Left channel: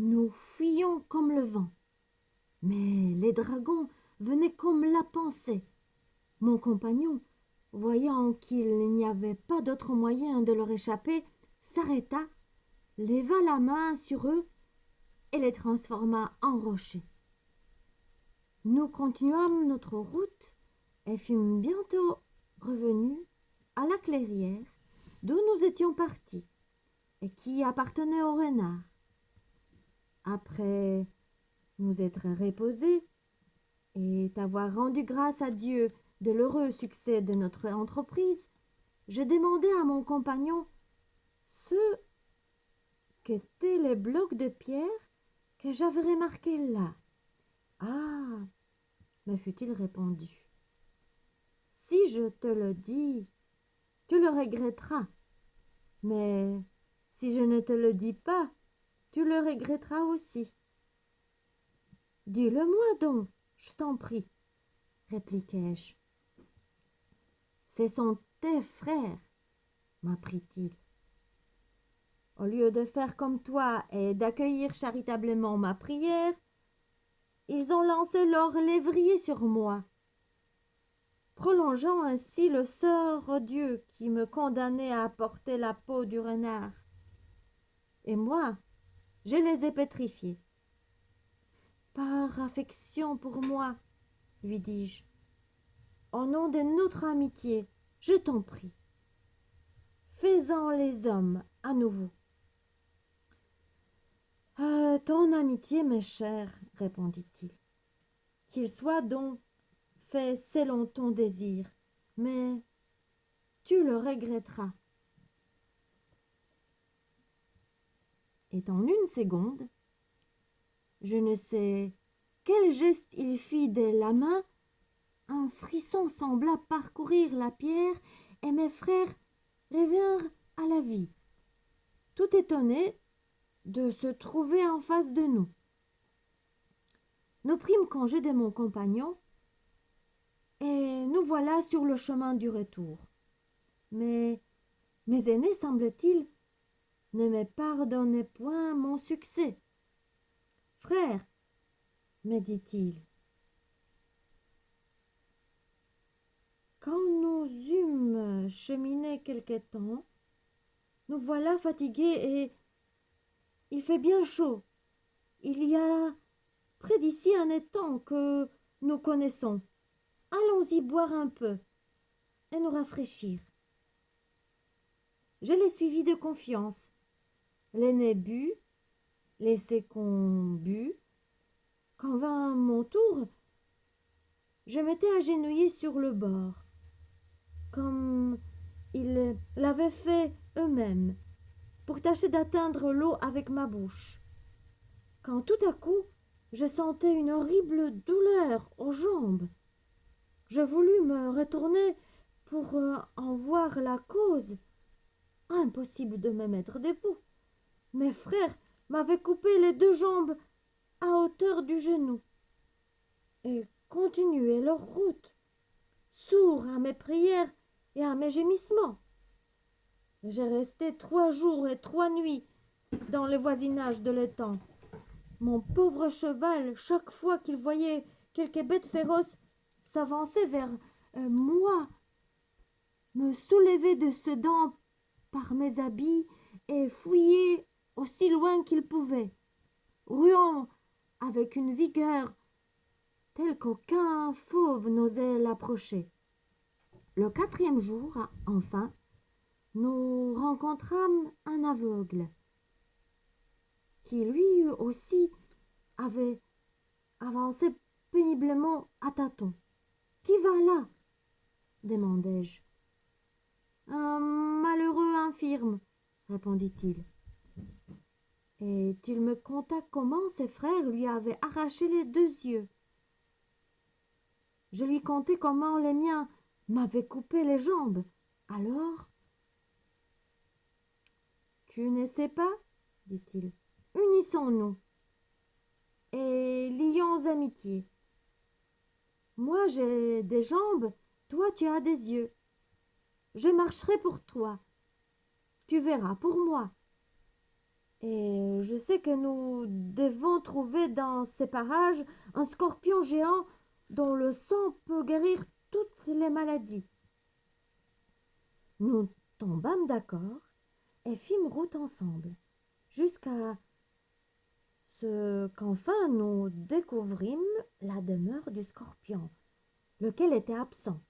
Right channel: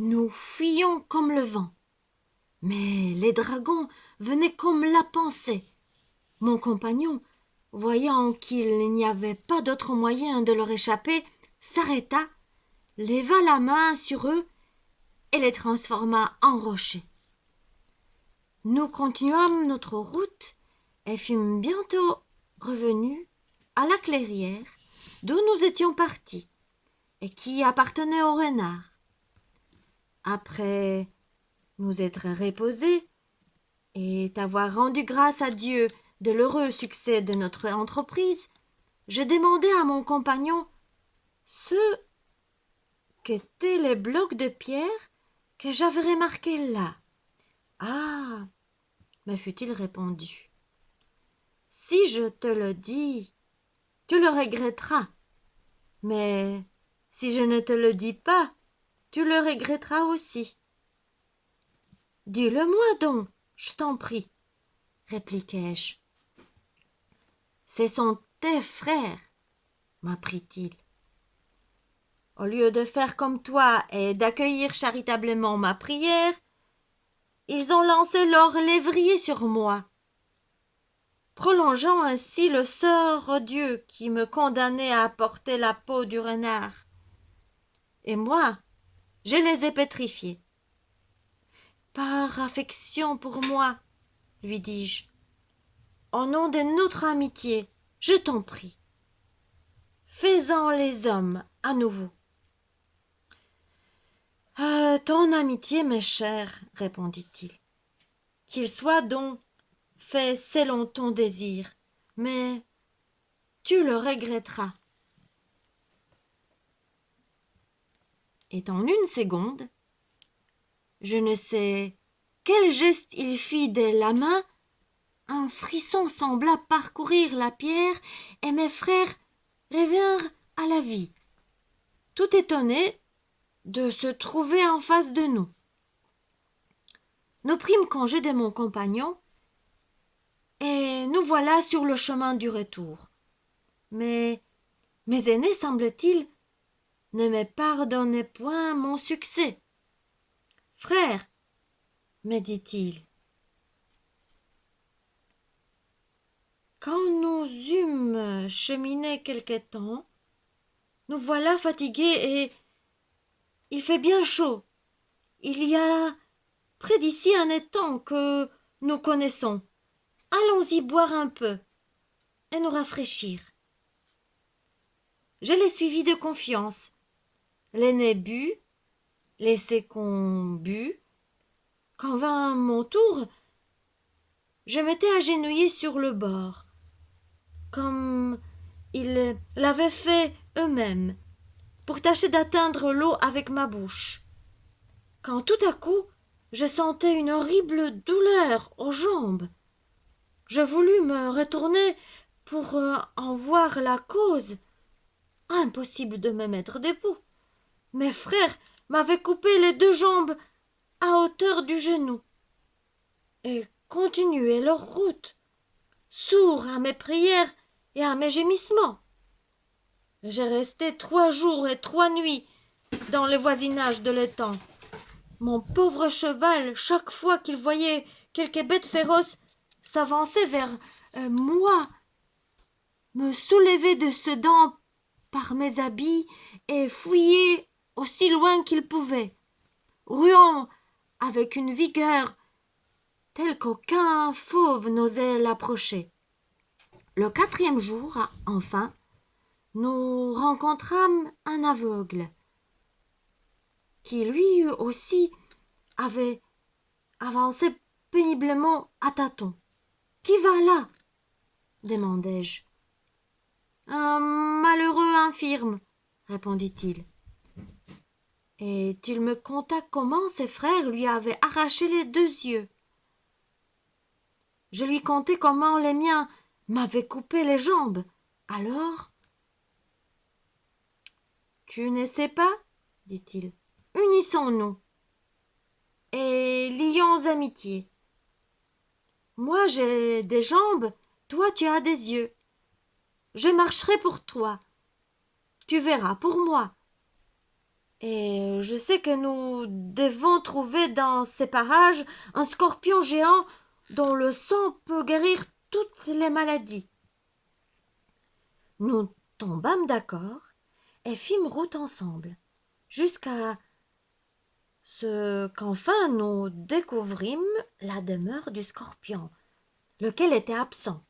Nous fuyions comme le vent. Mais les dragons venaient comme la pensée. Mon compagnon, voyant qu'il n'y avait pas d'autre moyen de leur échapper, s'arrêta, leva la main sur eux et les transforma en rochers. Nous continuâmes notre route et fûmes bientôt revenus à la clairière d'où nous étions partis et qui appartenait au renard. Après nous être reposés et avoir rendu grâce à Dieu de l'heureux succès de notre entreprise, je demandai à mon compagnon ce qu'étaient les blocs de pierre que j'avais remarqués là. « Ah !» me fut-il répondu. « Si je te le dis, tu le regretteras. Mais si je ne te le dis pas, tu le regretteras aussi. »« Dis-le-moi donc, je t'en prie, » répliquai-je. « Ce sont tes frères, » m'apprit-il. Au lieu de faire comme toi et d'accueillir charitablement ma prière, ils ont lancé leur lévrier sur moi, prolongeant ainsi le sort odieux qui me condamnait à porter la peau du renard. Et moi, je les ai pétrifiés. Par affection pour moi, lui dis-je, au nom de notre amitié, je t'en prie, fais-en les hommes à nouveau. Ton amitié m'est chère, répondit-il. Qu'il soit donc fait selon ton désir, mais tu le regretteras. Et en une seconde, je ne sais quel geste il fit de la main, un frisson sembla parcourir la pierre et mes frères revinrent à la vie, tout étonnés de se trouver en face de nous. Nous prîmes congé de mon compagnon et nous voilà sur le chemin du retour. Mais mes aînés, semble-t-il, ne me pardonnaient point mon succès. « Frère, me dit-il, quand nous eûmes cheminé quelque temps, nous voilà fatigués et il fait bien chaud. Il y a près d'ici un étang que nous connaissons. Allons-y boire un peu et nous rafraîchir. » Je les suivis de confiance. L'aîné but, les seconds but. Quand vint mon tour, je m'étais agenouillé sur le bord, comme ils l'avaient fait eux-mêmes, pour tâcher d'atteindre l'eau avec ma bouche, quand tout à coup je sentais une horrible douleur aux jambes. Je voulus me retourner pour en voir la cause. Impossible de me mettre debout. Mes frères m'avaient coupé les deux jambes à hauteur du genou et continuaient leur route, sourds à mes prières et à mes gémissements. J'ai resté 3 jours et 3 nuits dans le voisinage de l'étang. Mon pauvre cheval, chaque fois qu'il voyait quelque bête féroce, s'avançait vers moi, me soulevait de ses dents par mes habits et fouillait aussi loin qu'il pouvait, ruant avec une vigueur telle qu'aucun fauve n'osait l'approcher. Le 4e jour, enfin, nous rencontrâmes un aveugle qui lui aussi avait avancé péniblement à tâtons. « Qui va là ?» demandai-je. « Un malheureux infirme, » répondit-il. Et il me conta comment ses frères lui avaient arraché les 2 yeux. Je lui contai comment les miens m'avaient coupé les jambes. Alors, « Tu ne sais pas, dit-il, unissons-nous et lions amitié. Moi j'ai des jambes, toi tu as des yeux. Je marcherai pour toi, tu verras pour moi. Et je sais que nous devons trouver dans ces parages un scorpion géant dont le sang peut guérir toutes les maladies. Nous tombâmes d'accord et fîmes route ensemble, jusqu'à ce qu'enfin nous découvrîmes la demeure du scorpion, lequel était absent.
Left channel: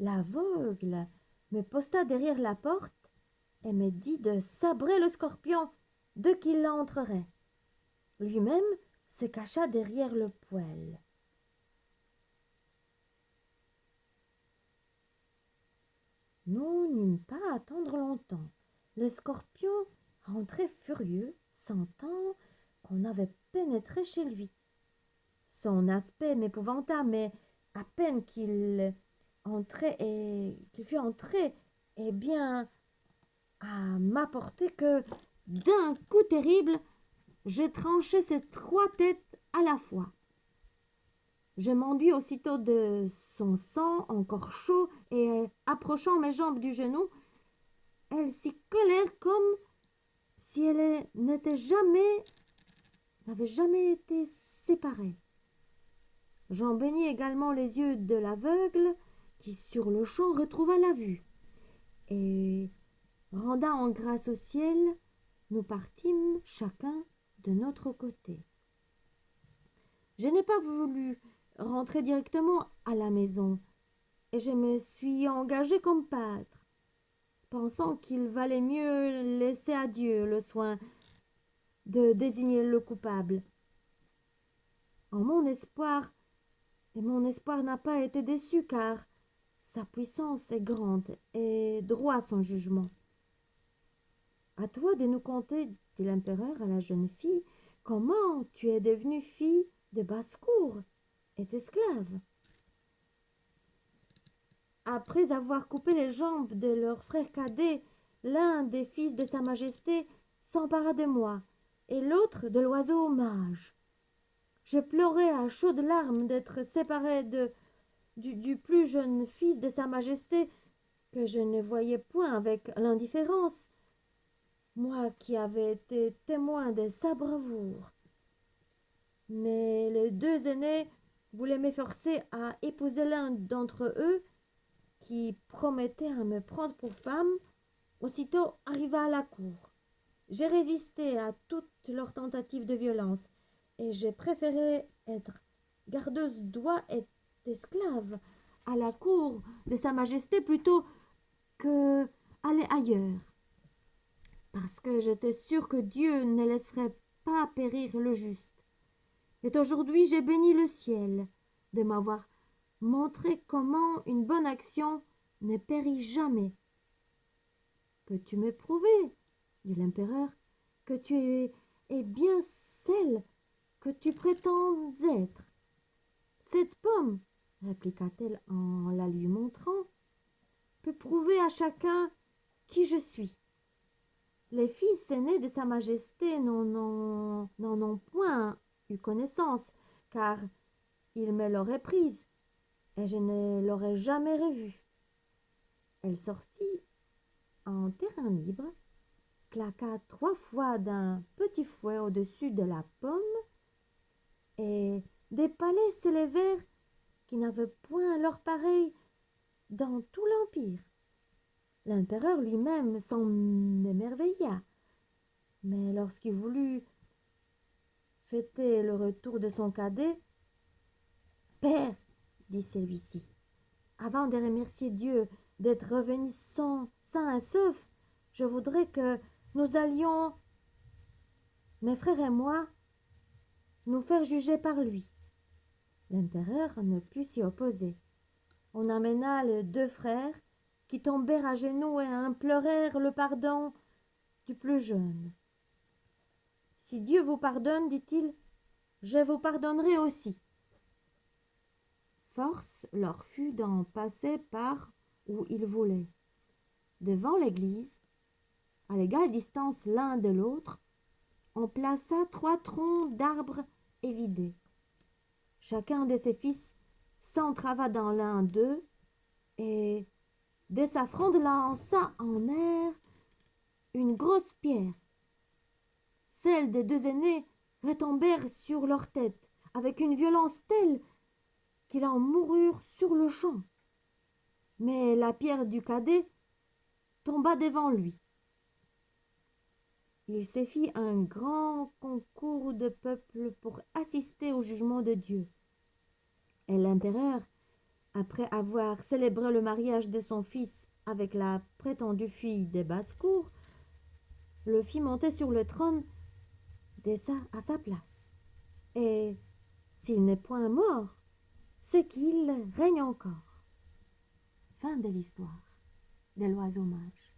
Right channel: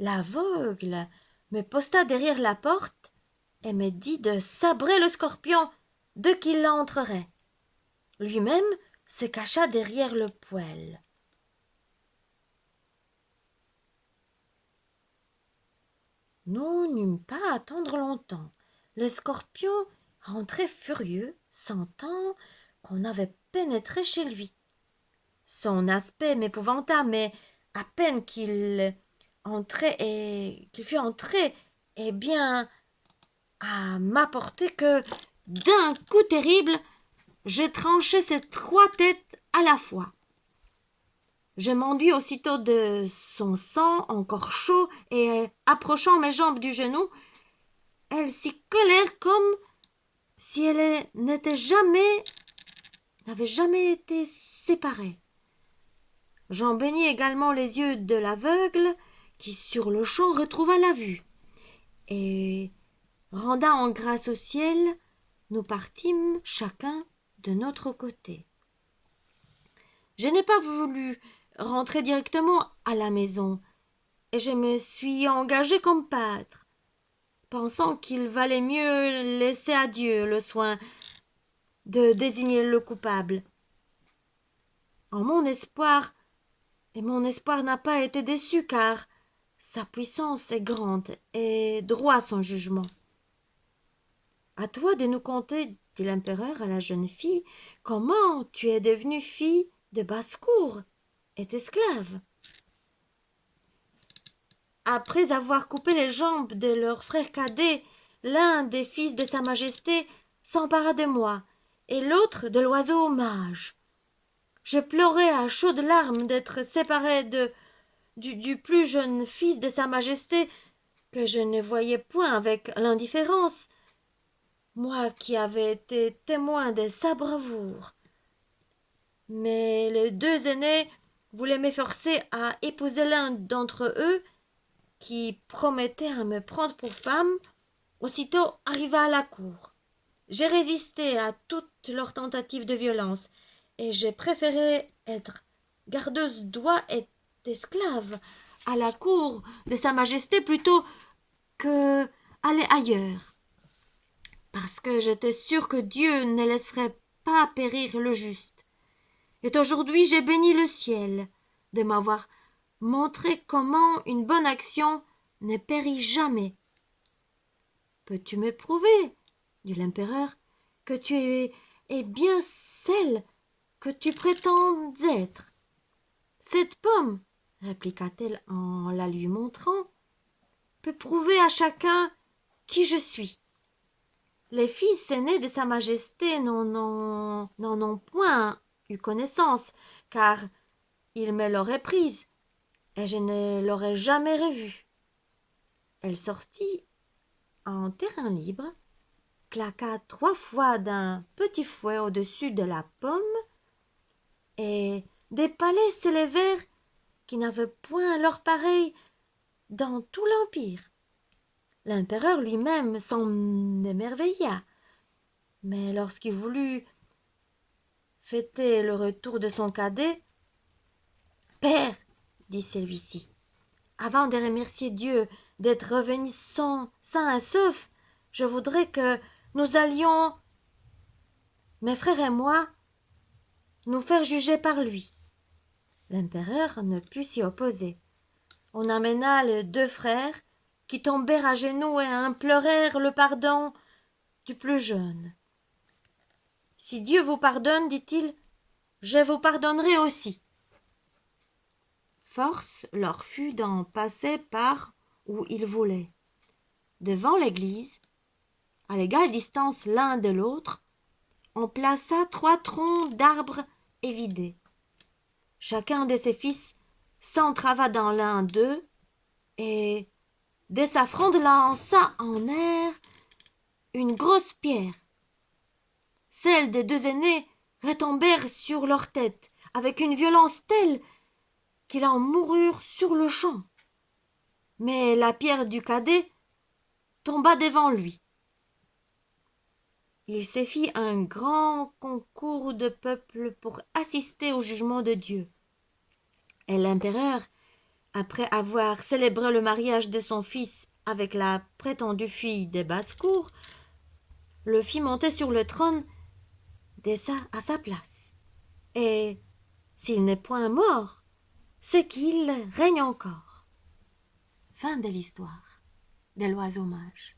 L'aveugle me posta derrière la porte et me dit de sabrer le scorpion dès qu'il entrerait. Lui-même se cacha derrière le poêle. Nous n'eûmes pas à attendre longtemps. Le scorpion rentrait furieux, sentant qu'on avait pénétré chez lui. Son aspect m'épouvanta, mais à peine qu'il fut entré, eh bien, à m'apporter que, d'un coup terrible, je tranchai ses 3 têtes à la fois. Je m'enduis aussitôt de son sang encore chaud et, approchant mes jambes du genou, elles s'y collèrent comme si elles n'avaient jamais été séparées. J'en baignis également les yeux de l'aveugle, qui sur-le-champ retrouva la vue. Et, rendant grâce au ciel, nous partîmes chacun de notre côté. Je n'ai pas voulu rentrer directement à la maison, et je me suis engagé comme pâtre, pensant qu'il valait mieux laisser à Dieu le soin de désigner le coupable. Mon espoir n'a pas été déçu, car sa puissance est grande et droit son jugement. À toi de nous conter, dit l'empereur à la jeune fille, comment tu es devenue fille de basse-cour et esclave. Après avoir coupé les jambes de leur frère cadet, l'un des fils de sa majesté s'empara de moi, et l'autre de l'oiseau mage. Je pleurais à chaudes larmes d'être séparé du plus jeune fils de sa majesté, que je ne voyais point avec l'indifférence, moi qui avais été témoin de sa bravoure. Mais les 2 aînés voulaient m'efforcer à épouser l'un d'entre eux, qui promettait à me prendre pour femme aussitôt arrivé à la cour. J'ai résisté à toutes leurs tentatives de violence, et j'ai préféré être gardeuse d'oie et esclave à la cour de sa majesté plutôt que aller ailleurs, parce que j'étais sûre que Dieu ne laisserait pas périr le juste. Et aujourd'hui j'ai béni le ciel de m'avoir montré comment une bonne action ne périt jamais. Peux-tu me prouver, dit l'empereur, que tu es bien celle que tu prétends être? Cette pomme, répliqua-t-elle en la lui montrant, peut prouver à chacun qui je suis. Les fils aînés de sa majesté n'en ont point eu connaissance, car ils me l'auraient prise, et je ne l'aurais jamais revue. Elle sortit en terrain libre, claqua 3 fois d'un petit fouet au-dessus de la pomme, et des palais s'élevèrent qui n'avaient point leur pareil dans tout l'empire. L'empereur lui-même s'en émerveilla, mais lorsqu'il voulut fêter le retour de son cadet, « Père, dit celui-ci, avant de remercier Dieu d'être revenu sain et sauf, je voudrais que nous allions, mes frères et moi, nous faire juger par lui. » L'empereur ne put s'y opposer. On amena les 2 frères, qui tombèrent à genoux et implorèrent le pardon du plus jeune. « Si Dieu vous pardonne, dit-il, je vous pardonnerai aussi. » Force leur fut d'en passer par où ils voulaient. Devant l'église, à l'égale distance l'un de l'autre, on plaça 3 troncs d'arbres évidés. Chacun de ses fils s'entrava dans l'un d'eux et, de sa fronde, lança en air une grosse pierre. celles des deux aînés retombèrent sur leur tête avec une violence telle qu'ils en moururent sur-le-champ. Mais la pierre du cadet tomba devant lui. Il se fit un grand concours de peuple pour assister au jugement de Dieu. Et l'empereur, après avoir célébré le mariage de son fils avec la prétendue fille des basses-cours, le fit monter sur le trône à sa place. Et s'il n'est point mort, c'est qu'il règne encore. Fin de l'histoire de l'oiseau mage.